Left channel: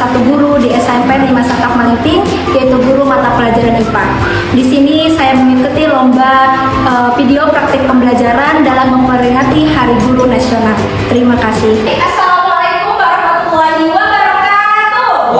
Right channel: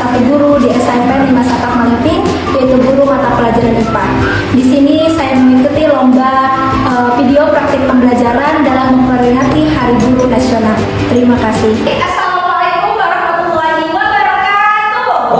satu guru di SMP 5 Satak Malimping, yaitu guru mata pelajaran IPA. Di sini saya mengikuti lomba video praktik pembelajaran dalam memperingati Hari Guru Nasional. Terima kasih. Assalamualaikum warahmatullahi wabarakatuh.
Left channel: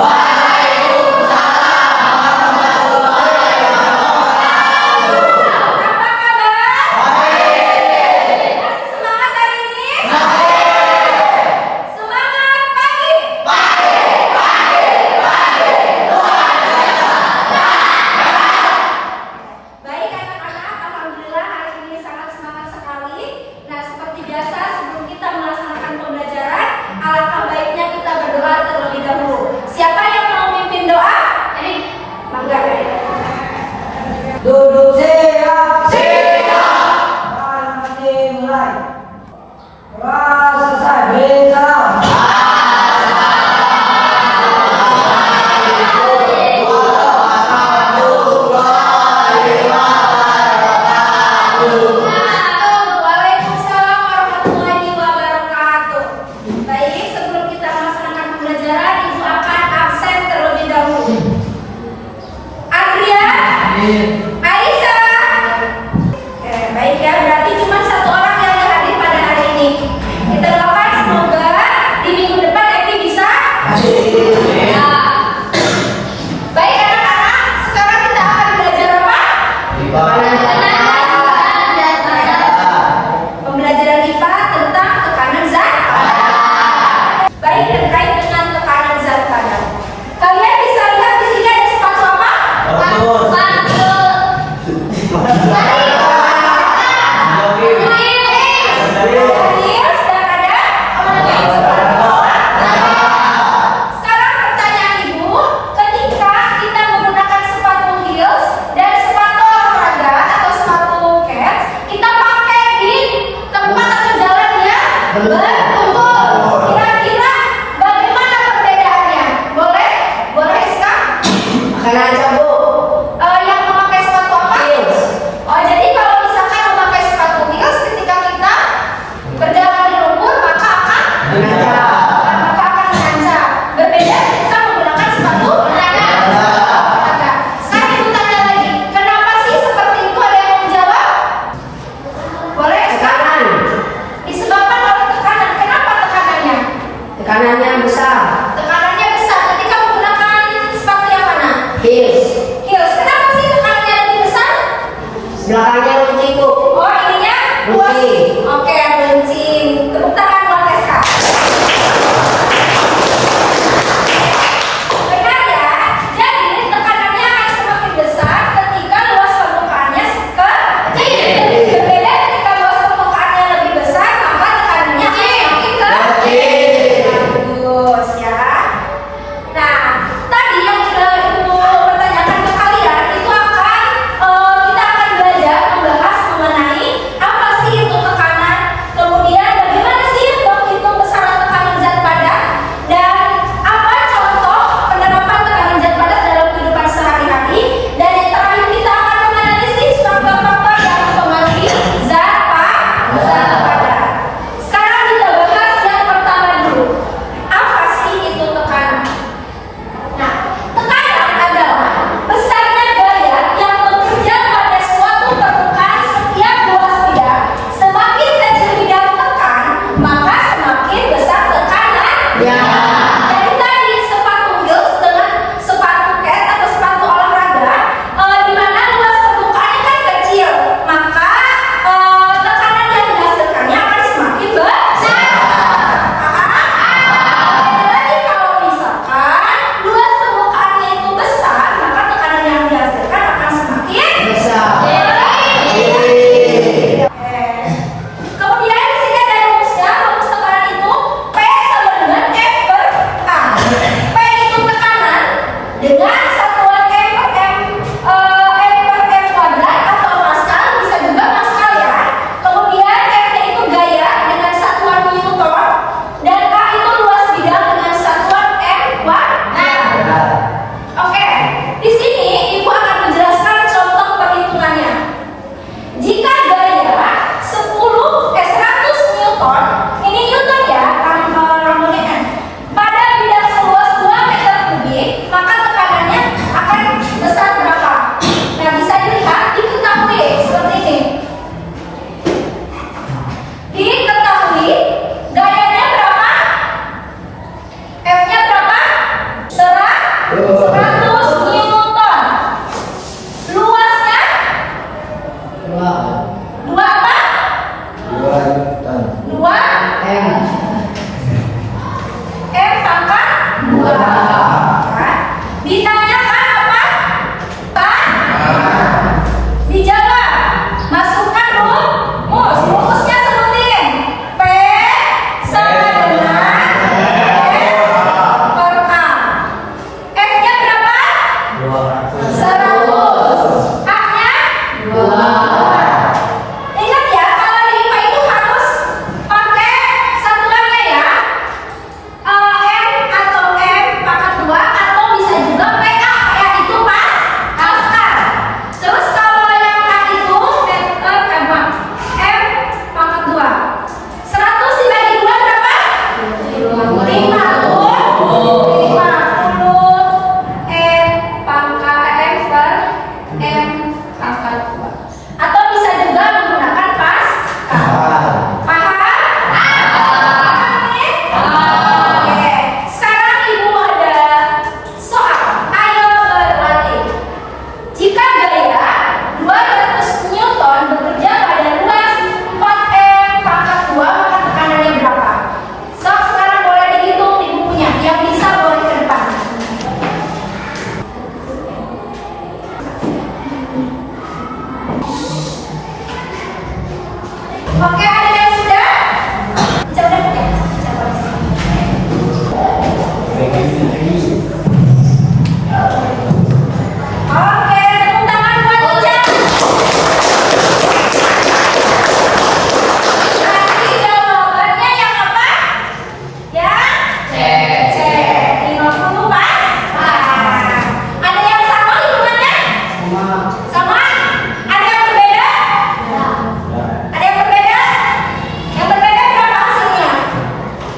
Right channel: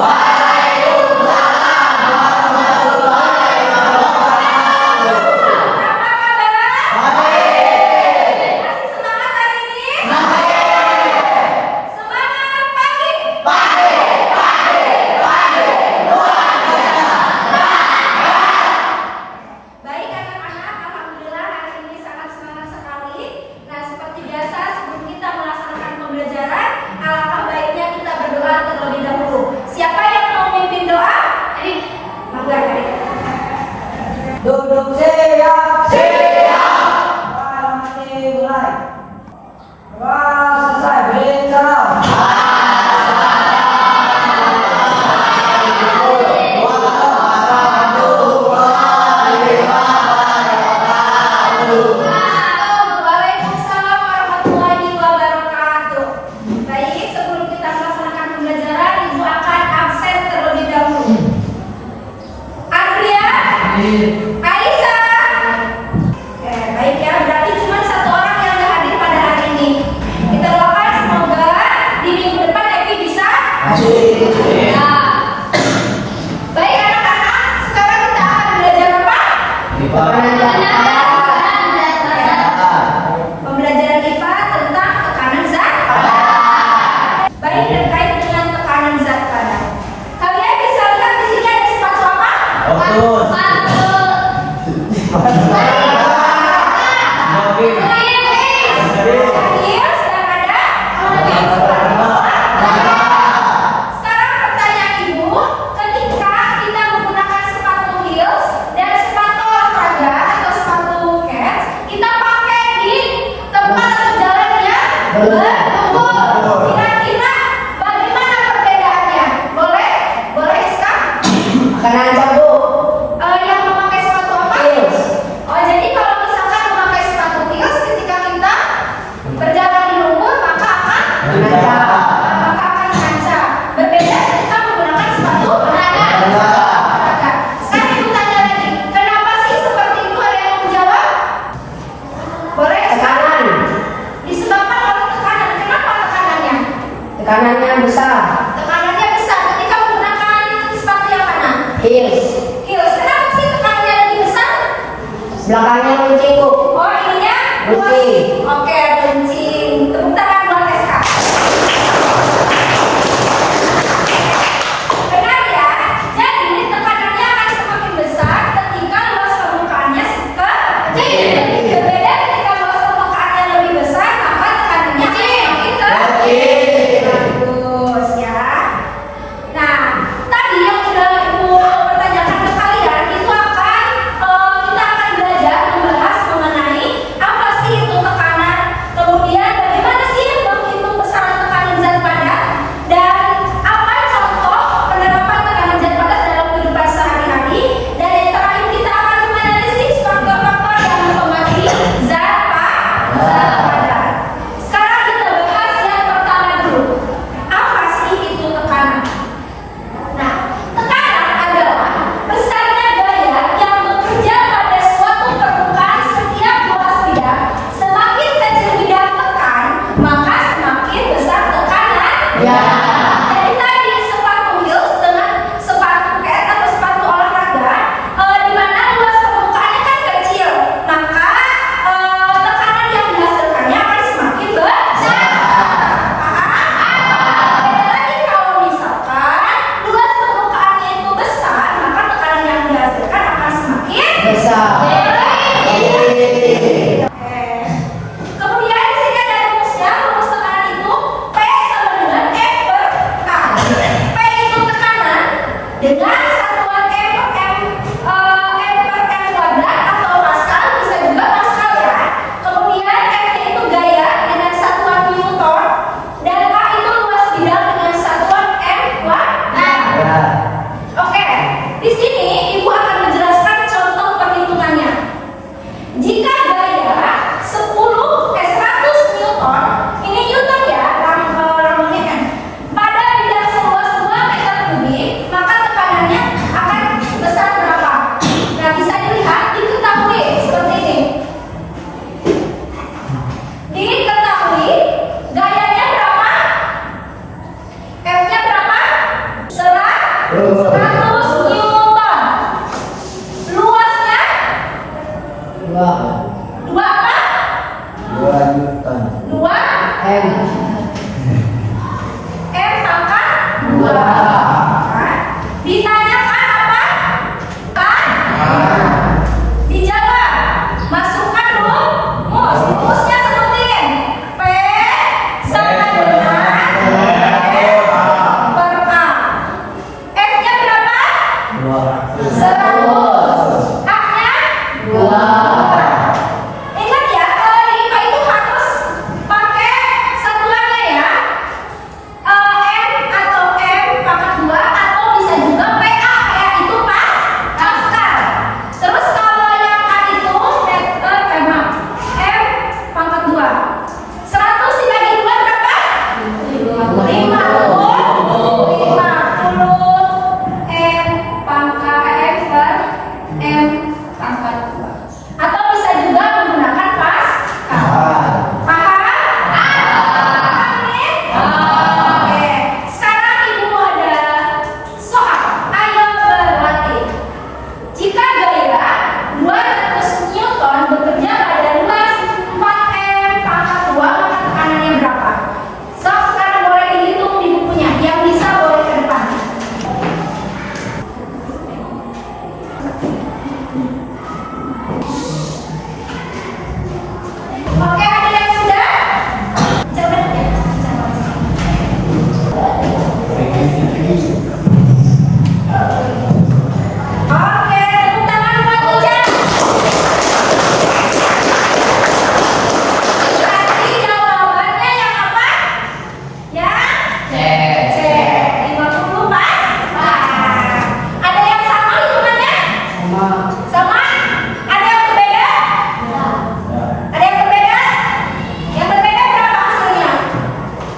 Duduk siap, siap. Masih mulai. Wah, selesai. Bergerak. Waalaikumsalam warahmatullahi wabarakatuh. Baik, sebelum kita melaksanakan pembelajaran, Ibu akan absen terlebih dahulu. Andrea, Aisyah. Baik ya, berarti cuma satu orang yang hadir pada hari ini. Kita doakan semoga di minggu depan Eki bisa. Nah, baik anak-anak, sekarang kita akan belajar apa? Pembelajaran IPA tentang tekanan zat. Baik, terkait dengan tekanan zat padat. Kalian bisa lihat di sini ada sepatu apa? Sekarang pertanyaan Ibu, ketika kita menggunakan sepatu heels dan sepatu olahraga atau sepatu cats, kita pakai di tempat atau jalan yang berlumpur. Kira-kira bagaimana perbedaannya? Boleh? Boleh, Iska? Karena aja, Bu. Yang memakai sepatu apa? Heels. Oh, jadi kalau misalkan memakai sepatu heels ketika kita berjalan di lumpur, maka akan mengancam. Berbeda ketika menggunakan sepatu olahraga. Sekarang Ibu tanya lagi, kenapa sih seperti itu? Ada yang mau menjawab? Boleh, Tekanan. disebabkan oleh tekanan. Kenapa tekanannya? Tekanannya besar. Tekanannya besar ketika menggunakan sepatu yang mana? Heels. Heels. Kenapa sih tekanannya lebih besar? Belakangnya runcing, Bu. Oh, ininya luas. Runcing. Oke, runcing. Tepuk tangan buat Eska. Benar ya? Jadi tekanannya akan semakin besar ketika luas permukaannya kecil. Berbeda ketika luas permukaannya lebih besar, maka tekanannya akan semakin kecil. Bagus ya. Nah, tadi yang sudah Ibu pertanyakan ke kalian itu akan kita akan belajar membahas mengenai apa sih itu tekanan 100 Newton. Luasnya Dua. 2 apa? 2 Newton. 2 M. M pangkat 2. Ditanyakan apa? Dijawab. Masukkan rumus. Rumusnya sebutin. P sama dengan per A. F-nya berapa? 100. A-nya 2. Ingat ya, kalau lima itu harus pakai satuannya ya. M atau M pangkat 2 atau bisa juga PA. PA itu Pascal. Terus kalau yang A itu M pangkat 2. 100 dibagi 2 berapa? 50. 50 M pangkat M per M pangkat 2. Atau bisa juga menggunakan Pascal. Paham? Oke. Sekarang Ibu ada soal. Ayo berlatih. Jika gaya 200 Newton bekerja pada luas 4M pangkat 2, maka tekanannya berapa? So, sekarang boleh dihitung di bukunya. Yang bisa boleh ke depan. Oke, ada yang sudah? Coba ya. Oke, tepuk tangan buat Ijaz. Berarti jawabannya yang apa? Yang C. 50 pas. Ada yang sama hitungannya? Sama. Sama? Ada yang berbeda? Ada yang berbeda? Yang berbeda berapa hasilnya?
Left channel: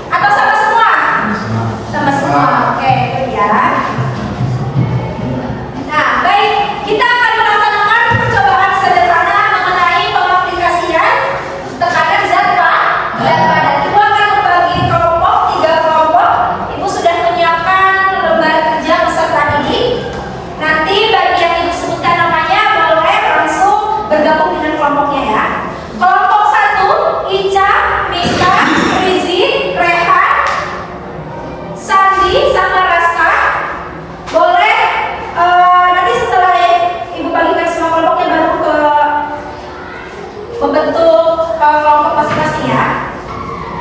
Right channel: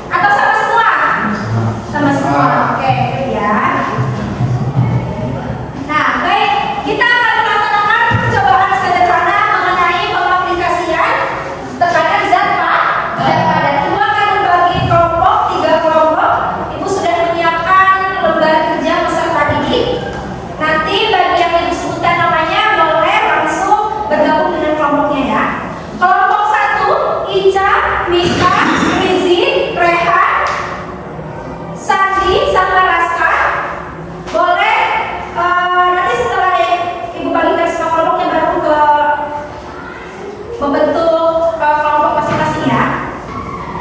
Atau sama semua? Sama semua. Oke, good ya. Nah, baik. Kita akan melaksanakan percobaan sederhana mengenai pengaplikasian tekanan zat padat. Ibu akan membagi kelompok, 3 kelompok. Ibu sudah menyiapkan lembar kerja peserta didik. Nanti bagi yang Ibu sebutkan namanya boleh langsung bergabung dengan kelompoknya ya. Kelompok 1, Ica, Mika, Rizi, Rehan, Sandi, sama Raska. Boleh nanti setelah Ibu bagikan semua kelompoknya baru ke membentuk kelompok masing-masing ya.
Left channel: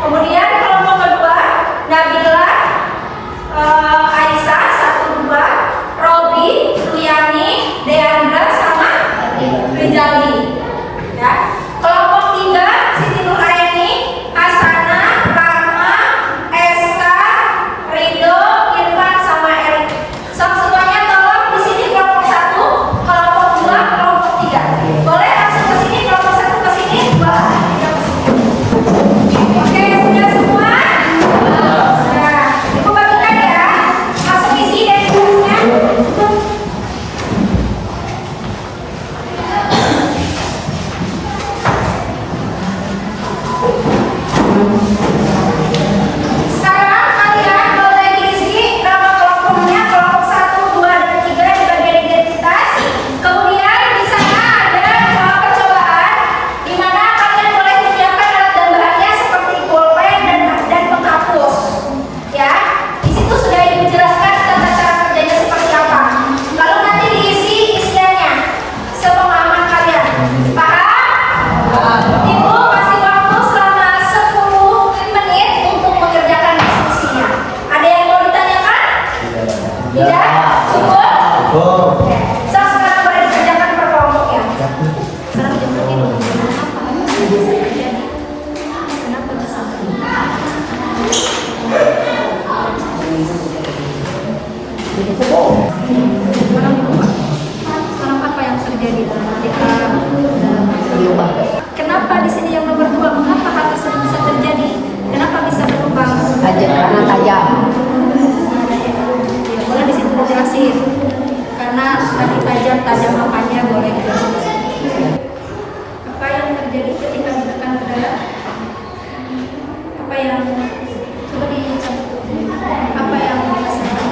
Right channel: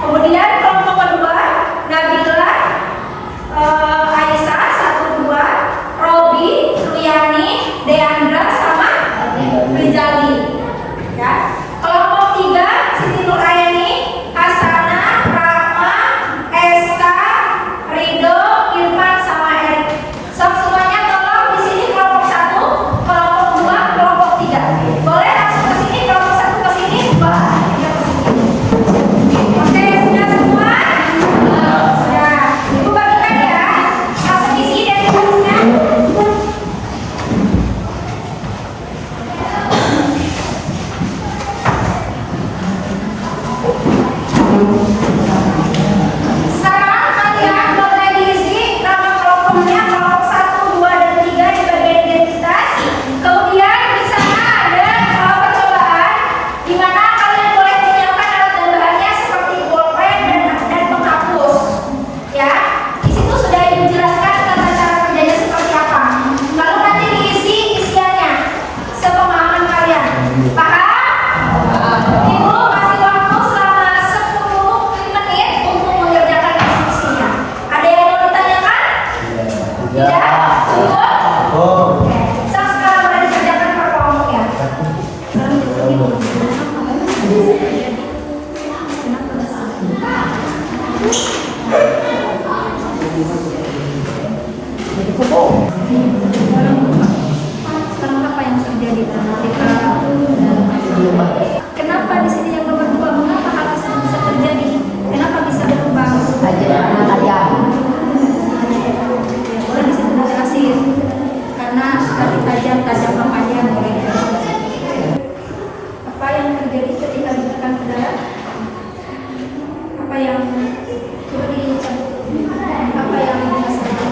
Kemudian kelompok kedua, Nabila, Aisyah 1, 2, Robi, Ruyani, Deandra, sama Rizali. Ya. Kelompok 3, Siti Nuraini, Hasana, Rahma, Esta, Rido, Irfan, sama Erik. So, semuanya tolong di sini kelompok 1, kelompok 2, kelompok 3. Boleh langsung ke sini, kelompok 1 ke sini, boleh ke sini. Oke, sudah semua? Sudah. Ibu bagikan ya. Langsung isi dan tulisnya. Sekarang kalian boleh diisi nama kelompoknya, kelompok 1, 2, dan 3 di bagian identitas. Kemudian di sana ada percobaan di mana kalian boleh menyiapkan alat dan bahannya seperti pulpen dan penghapus. Ya, di situ sudah Ibu jelaskan tentang cara kerjanya seperti apa. Lalu nanti diisi isiannya sepemahaman kalian. Paham? Ibu kasih waktu selama 10 menit untuk mengerjakan diskusinya. Ada yang mau ditanyakan? Tidak? Cukup? Oke. So, sekarang boleh dikerjakan per kelompok ya. Kenapa bisa sekarang apa yang terjadi ketika kenapa di sini yang nomor 2? Mengapa hal tersebut bisa terjadi? Kenapa bisa berubah? Karena tajam. Ya, boleh di situ dijelasin. Karena kali tajam apanya boleh dijelasin. Apa yang terjadi ketika ditekan ke dalam? Apa yang coba dicampur? Apa yang dihasilkan?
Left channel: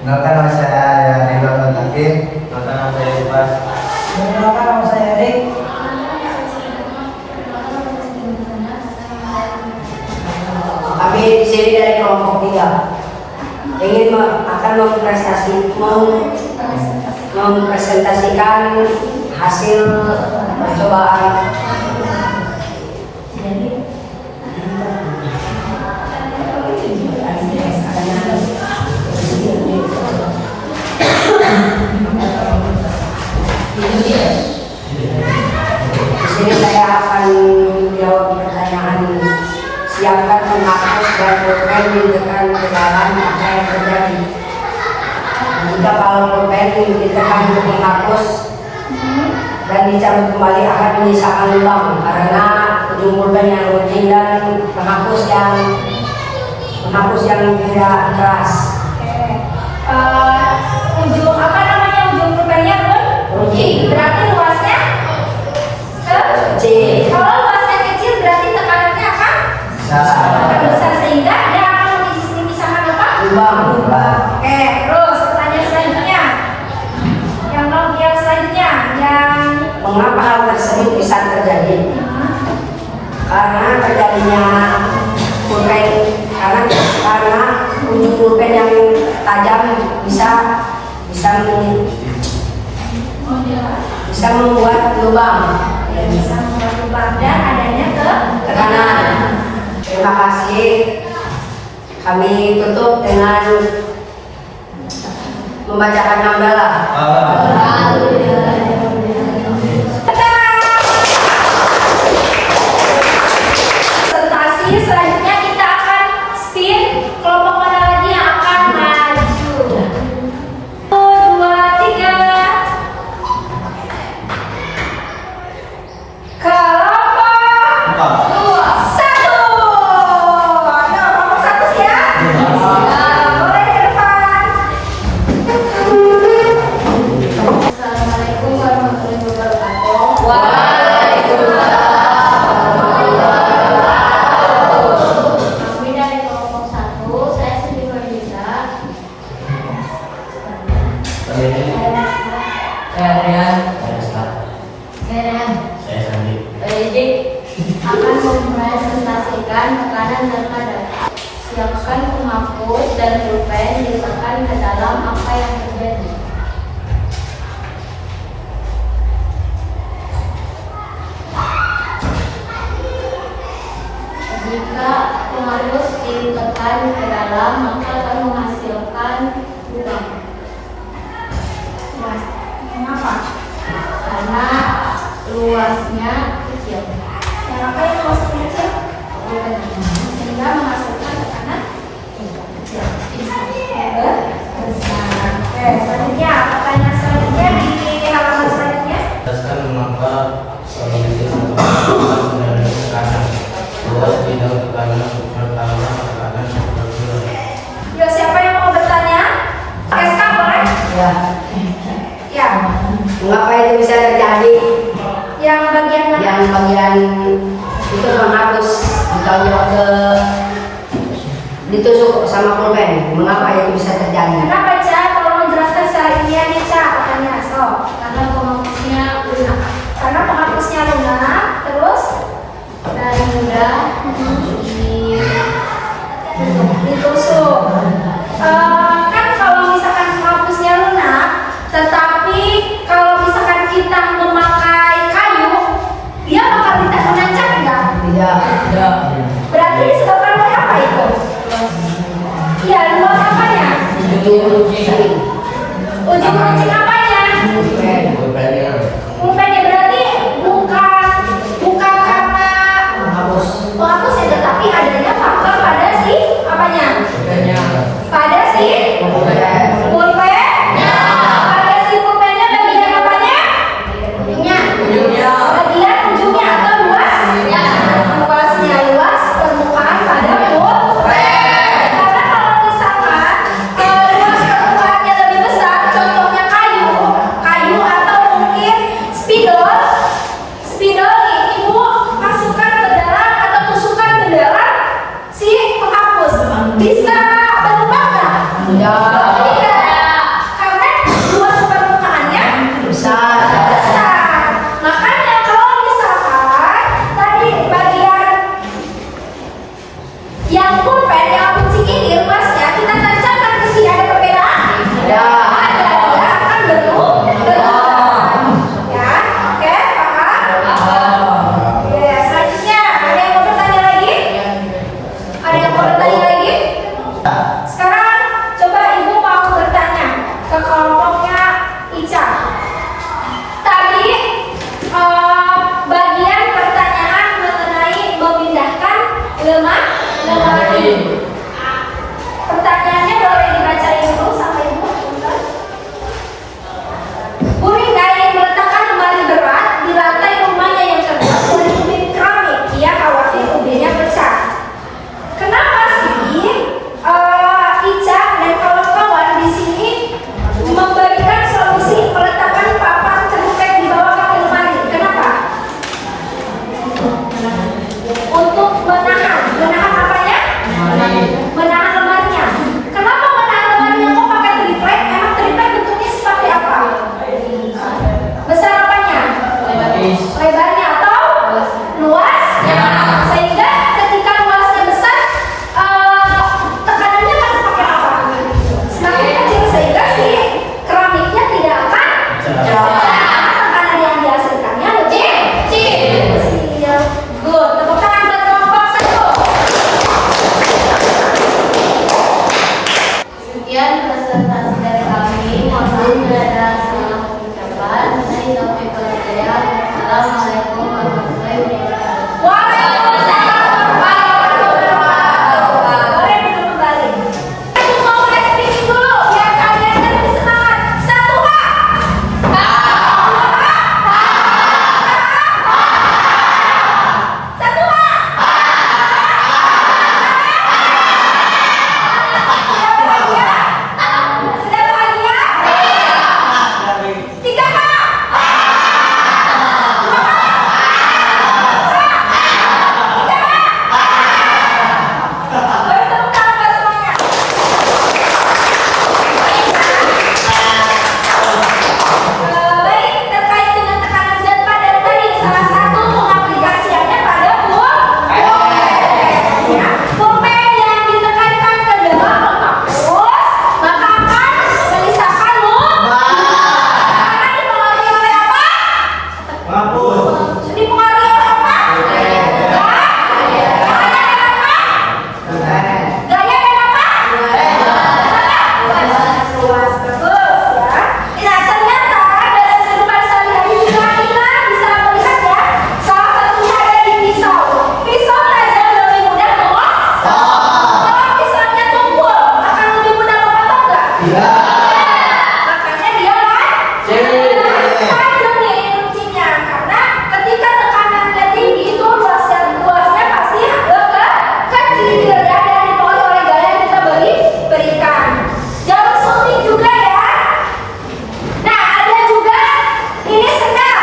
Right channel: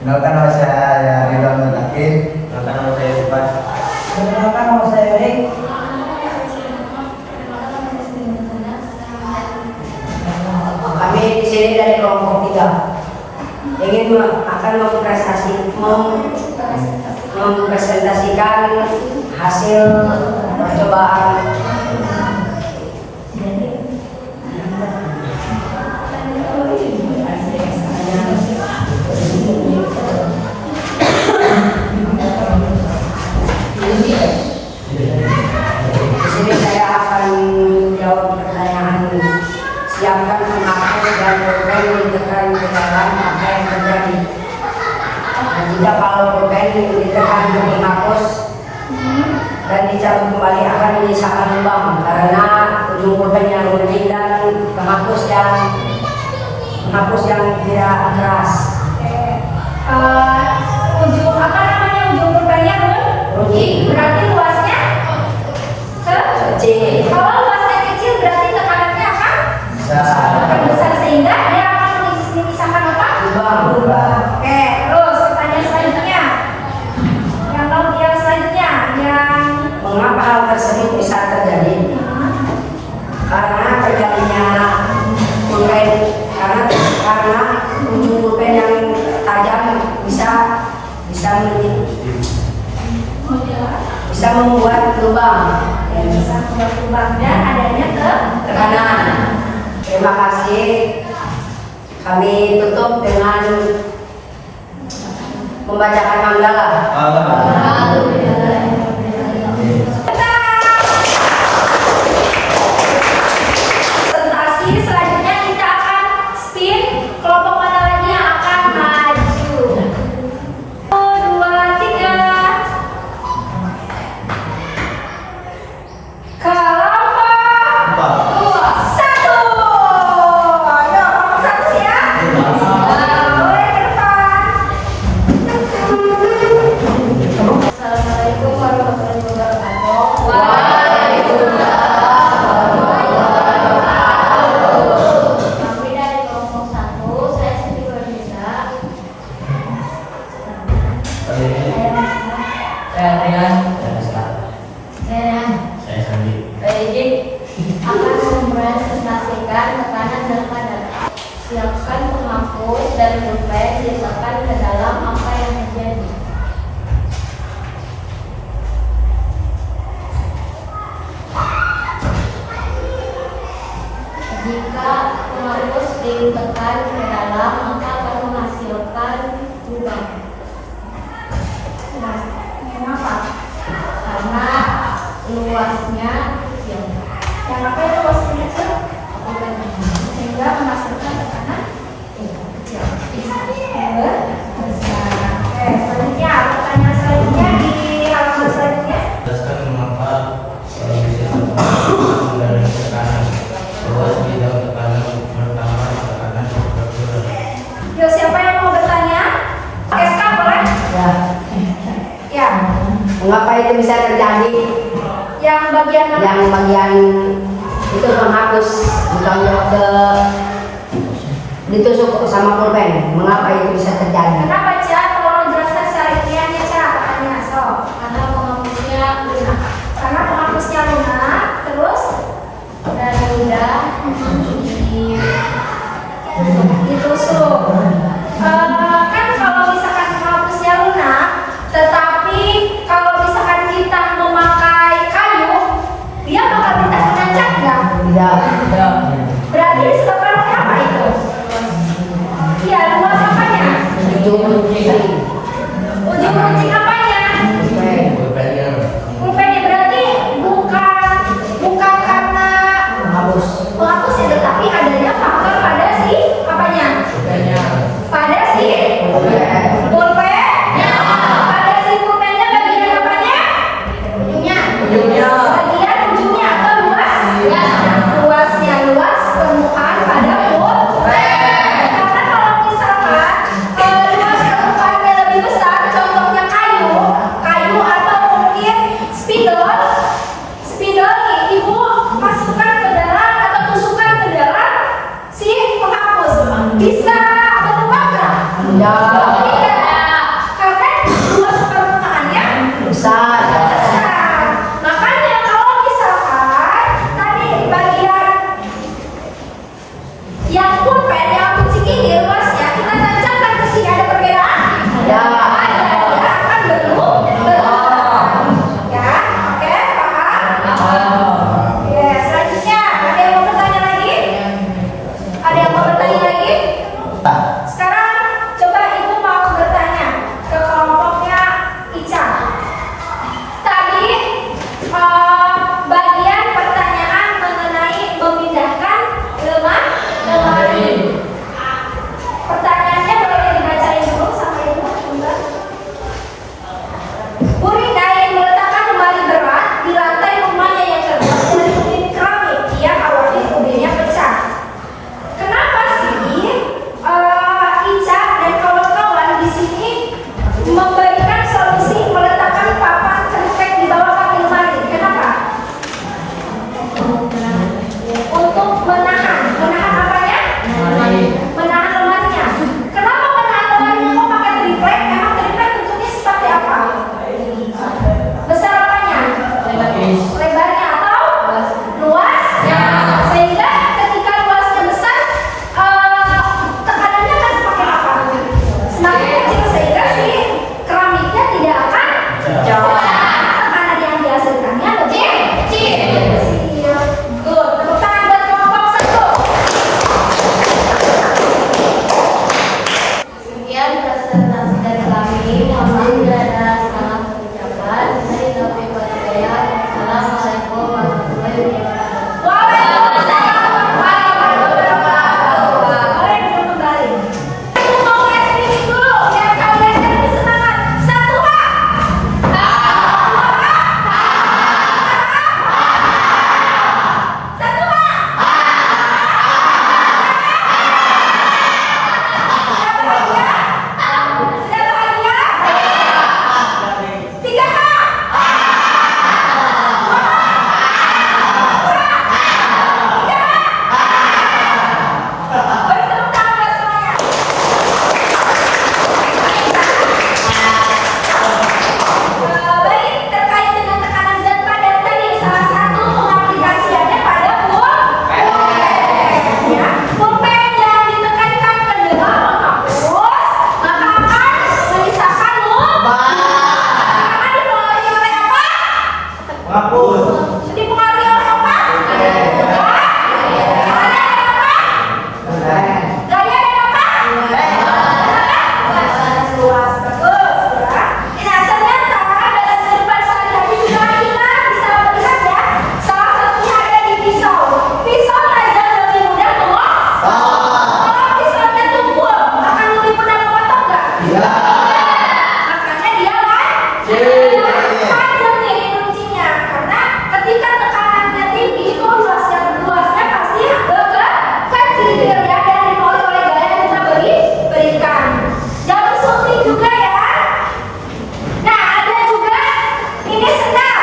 Kenalkan nama saya Ridwan Mutakin. Kenalkan nama saya Iqbal. Perkenalkan nama saya Erik. Kami di sini dari kelompok 3 ingin akan mempresentasikan hasil percobaan di sini saya akan jawab pertanyaan. Siapkan penghapus dan pulpen ditekan ke dalam apa yang terjadi. Dan jika kalau pulpen ditekan ke penghapus dan dicabut kembali akan menyisakan lubang karena ujung pulpen yang runcing dan penghapus yang tidak keras. Ujung apa namanya ujung pulpennya Runcing. berarti luasnya Kecil. kalau luasnya kecil berarti tekanannya akan besar sehingga dia akan memisahkan apa? Lubang. Oke, terus pertanyaan selanjutnya. Yang selanjutnya yang Mengapa hal tersebut bisa terjadi? Karena terjadinya pulpen karena ujung pulpen yang tajam bisa membuat lubang. bisa membuat lubang dan adanya Tekanan. Terima kasih. Kami tutup dengan membacakan hamdalah. presentasi selanjutnya kita akan spin kelompok mana lagi yang akan maju. 1, 2, 3. Kelompok 1. Ayo, kelompok 1 siap? Boleh ke depan. Assalamualaikum warahmatullahi wabarakatuh. Kami dari kelompok 1, saya Siti Nurhaliza. Akan mempresentasikan tekanan dan kadar. Siapkan penghapus dan pulpen diletakkan ke dalam apa yang terjadi. Jika penghapus ditekan ke dalam maka akan menghasilkan lubang. Nah, kenapa? Karena luasnya kecil. Kenapa yang luas kecil? Sehingga menghasilkan tekanan besar. Oke, selanjutnya pertanyaan selanjutnya di halaman selanjutnya. Jelaskan mengapa solusi atau kendaraan tekanan luas bidang tekanan pertama tekanan berkurang. Yo, siapa yang mau bertanya? SK boleh? Ya. Ya. Mengapa itu bisa terjadi? Yang bagian mana? Yang bagian itu menghapus ditusuk sama pulpen. Mengapa itu bisa terjadi? Kenapa, Ca? Tolong jelaskan secara ilmiahnya, Ca. Apanya? So. Karena penghapusnya lunak Karena penghapusnya lunak, terus dan mudah ditusuk. Kan kalau misalkan penghapusnya lunak, tetapi kalau misalkan kita memakai kayu, dia bakal menancap nggak? Tidak. Berarti disebabkan oleh apa itu? Iya, luas apanya? Ujung runcing. Ujung runcing apanya? Pulpen. Pulpennya berarti bukan karena Menghapus. penghapus ya, tetapi adanya faktor pada si apanya? Pada si Pulpen. pulpen. Pada si pulpennya bagian apanya? Ujungnya. Bagian ujungnya atau luas? Luasnya luas permukaan pada pulpen. Karena kalau misalkan luas permukaannya Makanya dia tajam nih kuncinya. Karena ketika tekanannya tinggi itu luasnya pasti kecil ya, dan dipengaruhi oleh gaya yang kita berikan. Jarum suntik juga ya. Nah, ada juga ini sendal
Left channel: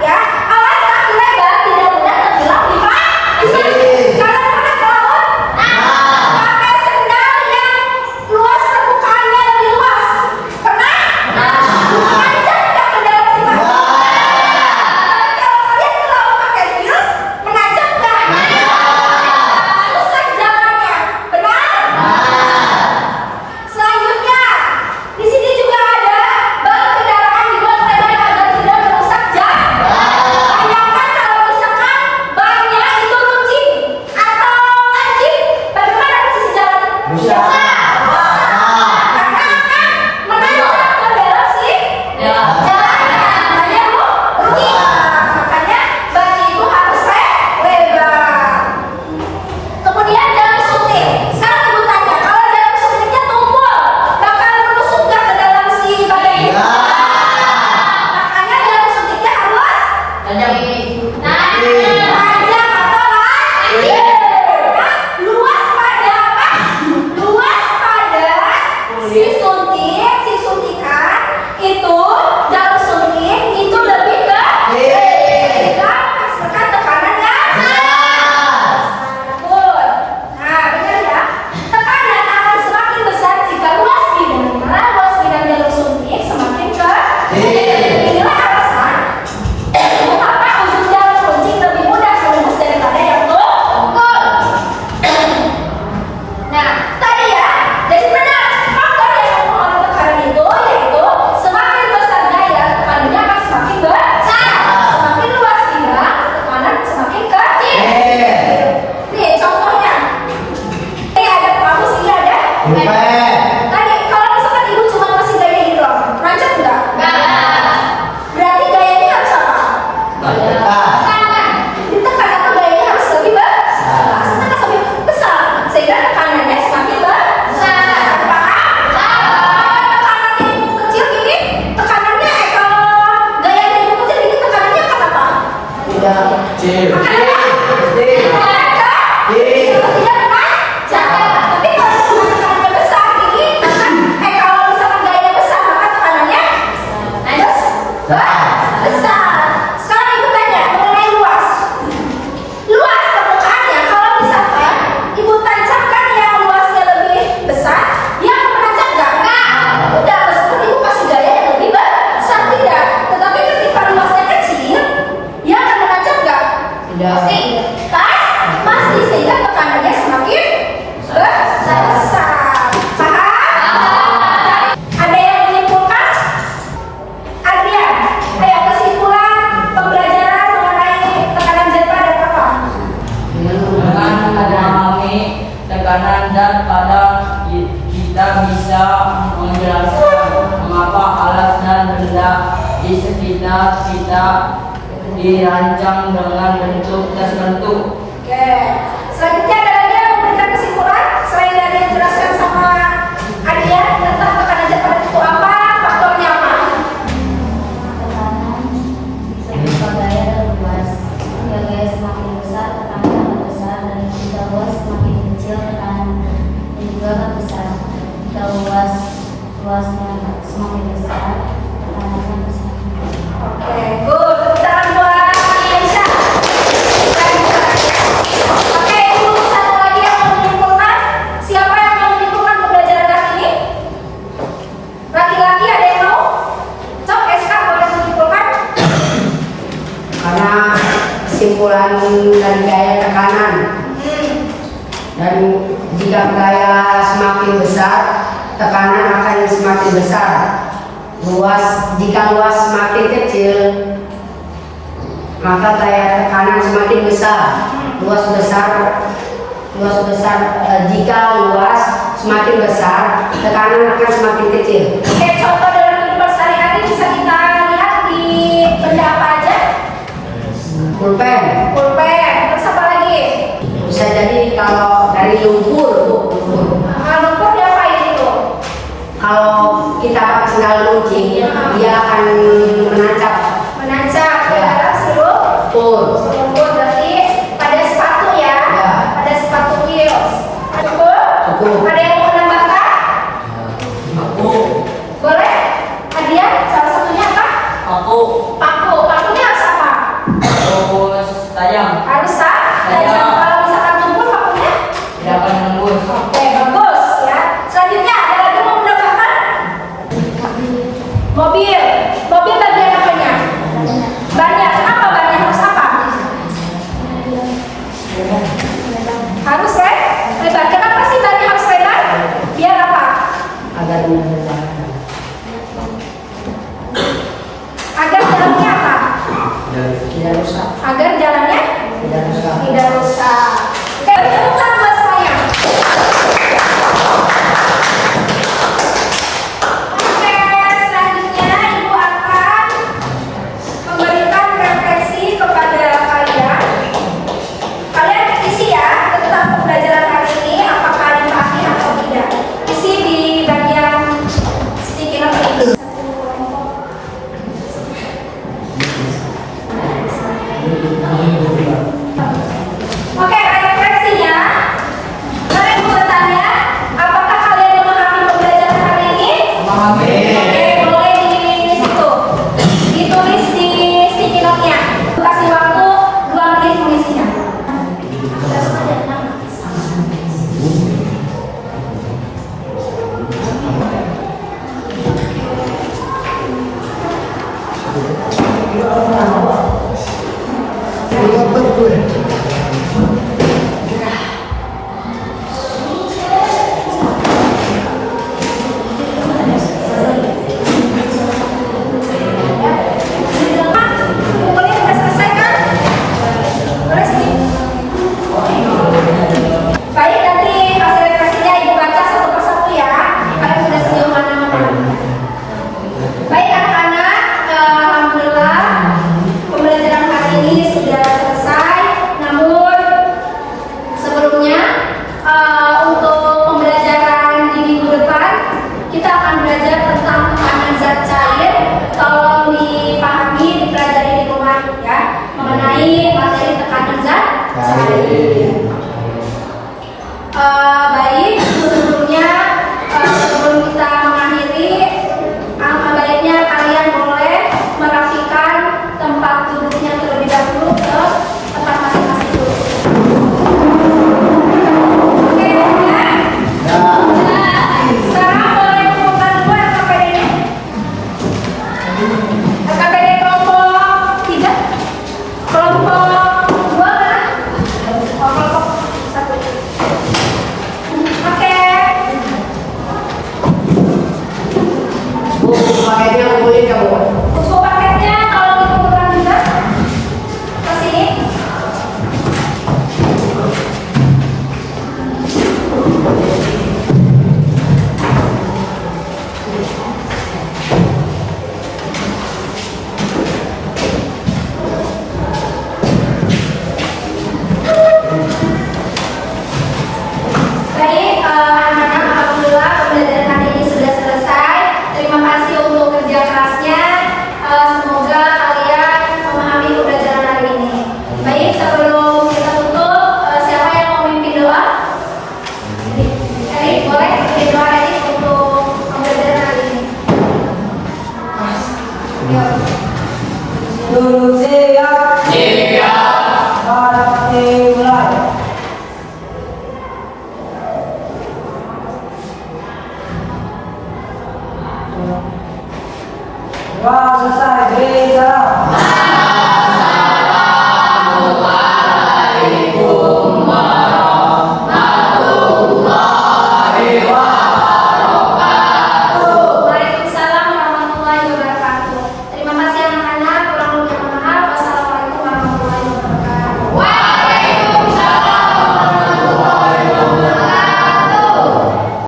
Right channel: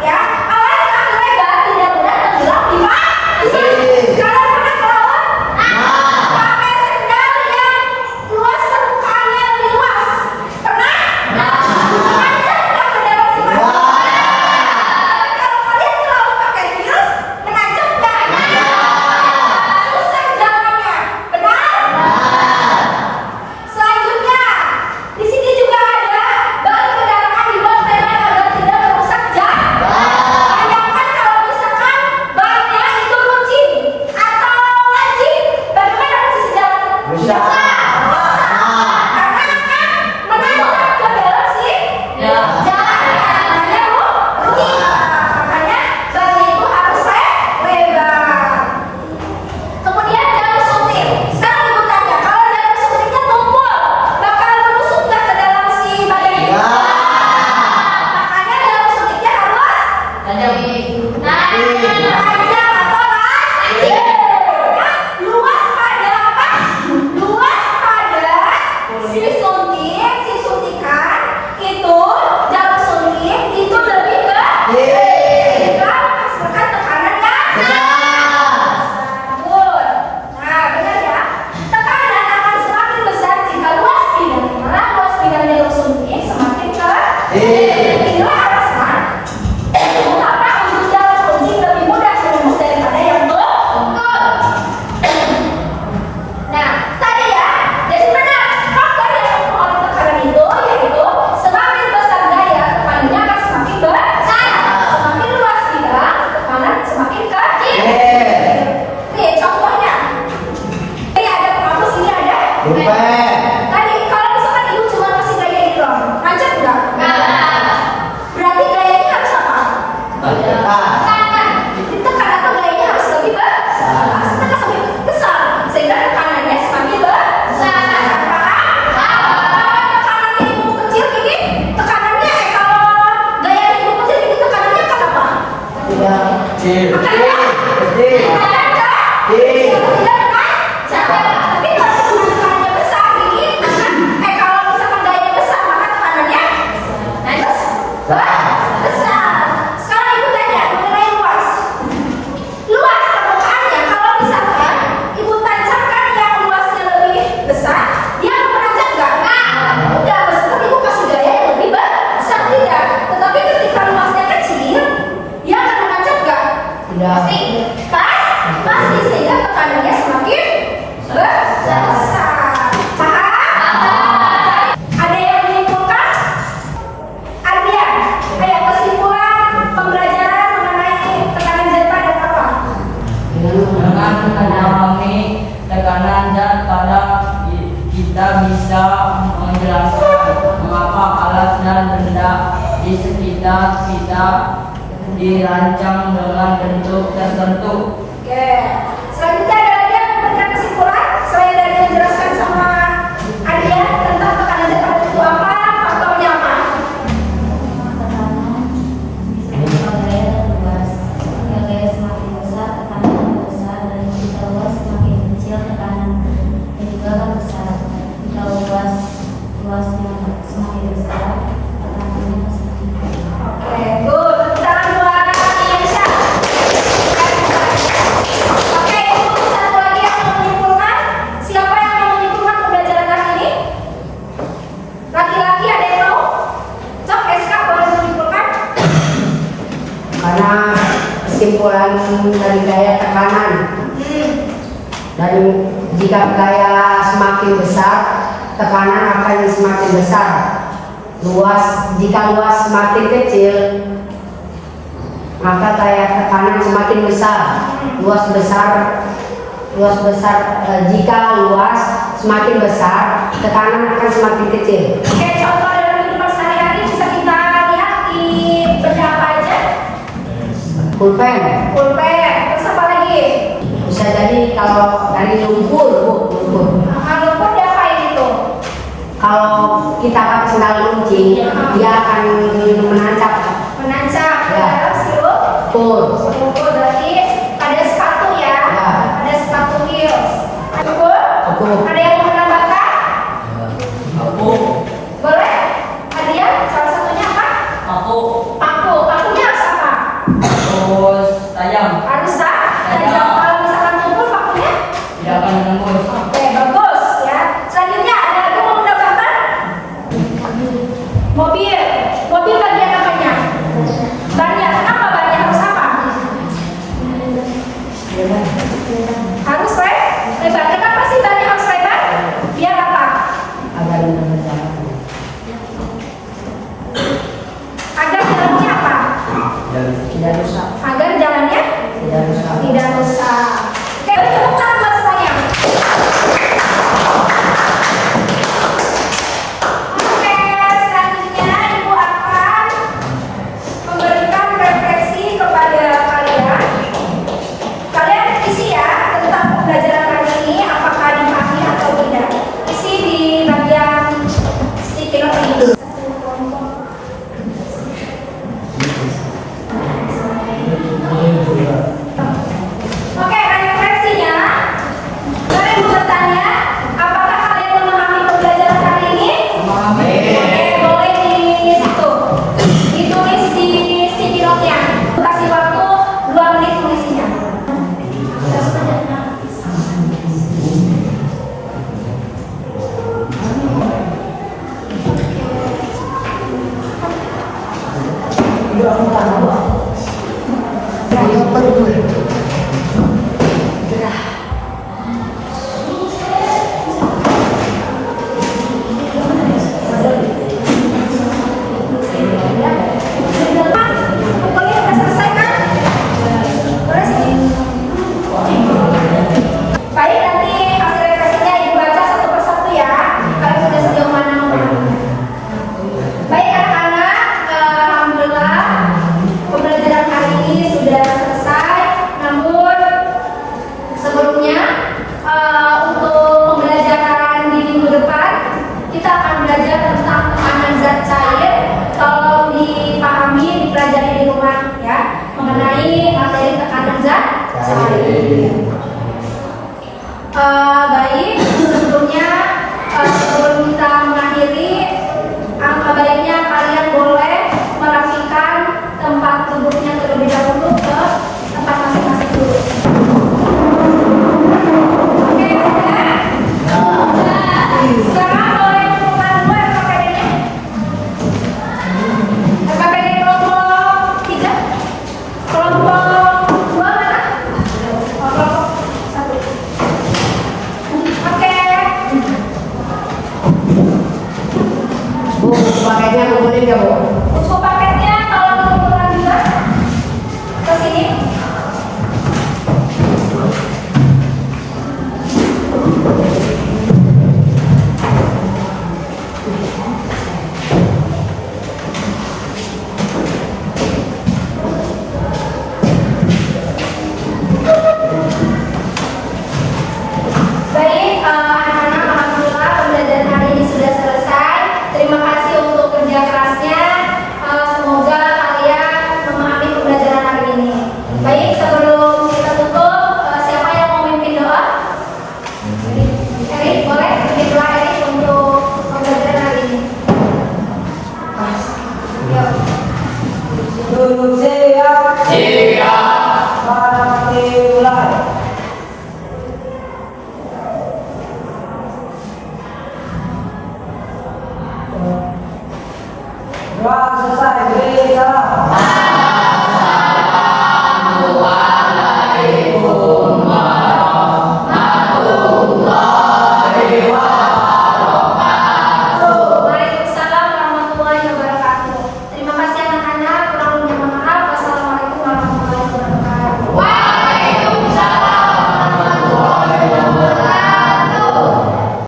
ya. Alas kaki lebar tidak benar tenggelam di mana? Kalian pernah ke laut? Pakai sendal yang luas, permukaannya lebih luas. Pernah? Menanjak nggak ke dalam si batu? Kalau kalian ke laut pakai heels, menanjak nggak? Susah jalannya. Benar? Selanjutnya, di sini juga ada ban kendaraan dibuat lebar agar tidak merusak jalan. Bayangkan kalau misalkan bannya itu runcing atau lancip, bagaimana posisi jalan? Rusak. Karena akan menanjak ke dalam si jalannya. Makanya runcing. Makanya bannya itu harus lebar. Kemudian jarum suntik. Sekarang ibu tanya, kalau jarum suntiknya tumpul, bakal menusuk nggak ke dalam si badan itu? Makanya jarum suntiknya harus panjang atau lancip. Nah, luas pada apa? Luas pada si suntikan itu, jarum suntik itu lebih sehingga menghasilkan tekanan yang betul. Nah, benar ya. Tekanan akan semakin besar jika luas bidangnya jarum suntik semakin kecil. Inilah alasan mengapa ujung jarum kunci lebih mudah menembus daripada yang tumpul. Nah, tadi ya, jadi benar faktor yang mempengaruhi tekanan itu yaitu semakin besar gaya, tekanannya akan semakin besar. Semakin luas bidang, tekanan semakin kecil. Nih contohnya, ini ada kamus, ini ada. Tadi kalau misalkan ibu cuma kasih gaya ini doang, lanjut enggak? Berarti gayanya harus apa? Tekanan. Ditekan atau gayanya harus lebih besar. Ditekan lebih besar, sehingga tekanannya semakin besar. Kalau tekanannya ibu kecil gini, tekanannya kalau gayanya ibu kecil gini, tekanannya akan apa? Tapi kalau tekanannya besar gini, kalau misalkan gayanya besar, maka tekanannya besar. Sekarang ibu tanya mengenai luas. Luas permukaannya, kalau misalkan ibu tancapkan yang luasnya lebih besar, dia akan menanjak nggak? Udah, meskipun ibu kasih gaya yang lebih besar, tidak. Tetapi ketika luasnya kecil, dia akan menanjak nggak? Pasti, sehingga tekanannya semakin besar. Paham? Ada yang menyimpulkan? Artian, ayo kesimpulan pembelajaran mengenai tekanan jet pada apa? Dengan memahami tekanan dan kadar kita bisa menjelaskan mengapa alat dan benda di sekitar kita dirancang dengan bentuk tertentu. Oke. Selanjutnya ada lagi yang memberikan kesimpulan selain dari yang dijelaskan sama Adia tentang tekanan jet pada itu apa? Faktornya apa? Tekanan bisa berupa gaya dan luas. Jika gaya semakin besar, tekanan akan besar, dan jika luas semakin kecil, tekanan juga akan besar. Jika luasnya semakin besar, tekanannya akan semakin kecil. Oke, good. Tepuk tangan buat Aisyah. Oke, untuk satu lagi yang mau menyimpulkan. Siapa yang mau menyimpulkan pembelajaran hari ini? Laki-laki ada yang mau? Cok, SK boleh menyimpulkan? Karena kesimpulan dari gaya tekanan, dan jika gaya semakin besar, tekanan akan semakin besar. Jika luas semakin kecil, maka gaya tekanan semakin besar. Jika luas semakin besar, tekanan akan semakin kecil. Oke, contoh dalam kehidupan sehari-hari bisa kita lihat di benda apa aja? Pulpen Terus apa lagi? bisa jadi kalau dari lumpur, Bu, lumpur. Lumpur diapain itu? Kalau kita kasih tahu kunci, dia akan menancap. Menancap ya, sirup. Pur. Sirup berarti pada sepatu ya. Ya. Pada sepatu heels. Cukup? Cukup. Ada yang mau menambahkan? Aku, Boleh? Hadiah salah satunya apa? aku, Paku. Pakunya harus apa? terus tajam, Harus tak? Tajam. Tajam. Kalau misalkan tumpul pakunya? tidak akan menembus. Oke, bagus ya. Selanjutnya ada lagi yang mau menambahkan? Mobil. Mobil bagian apanya? Bannya. Kenapa bannya harus apa? Harus lebar. Kenapa sih bannya harus lebar? Biar apa? Agar menentukan. Agar jalannya apa? Tidak rusak. Agar jalannya Tidak rusak. tidak rusak. Oke, tepuk tangan buat saya. Oke, selanjutnya Ibu akan memberikan refleksi kepada kalian. Kalian isi ya tentang pembelajaran hari ini, apakah dipahami atau tidak. Isi di bagian sticky note ini. Oke, refleksinya. Mari bertanya, apakah kalian memahami pembelajaran hari ini? Oke, boleh di situ. Ditulis di sticky note-nya. Kasih waktu 2 menit tulisnya. Kumpulin udah selesai kan? Boleh sih. Baik, nanti hasil refleksinya Ibu baca satu persatu ya. Kalian sudah sejauh mana memahami? Baik anak-anak, alhamdulillah pembelajaran hari ini sudah selesai. Namun sebelumnya untuk pembelajaran di minggu depan kita akan belajar tentang tekanan zat cair. Tolong dipahami, dipelajari di rumah ya mengenai materi tekanan zat cair. Baik, sebelumnya sebelum kita mengakhiri, alangkah baiknya kalian boleh merapikan tempat duduknya terlebih dahulu ke tempat masing-masing dulu. Oke, ya. Sekarang boleh kumpulkan dulu LKPD-nya. LKPD kelompok 3, kelompok 2 mana? Kelompok 1. Oke. Bu, pakainya kumpulin ya, Bu. Buku paket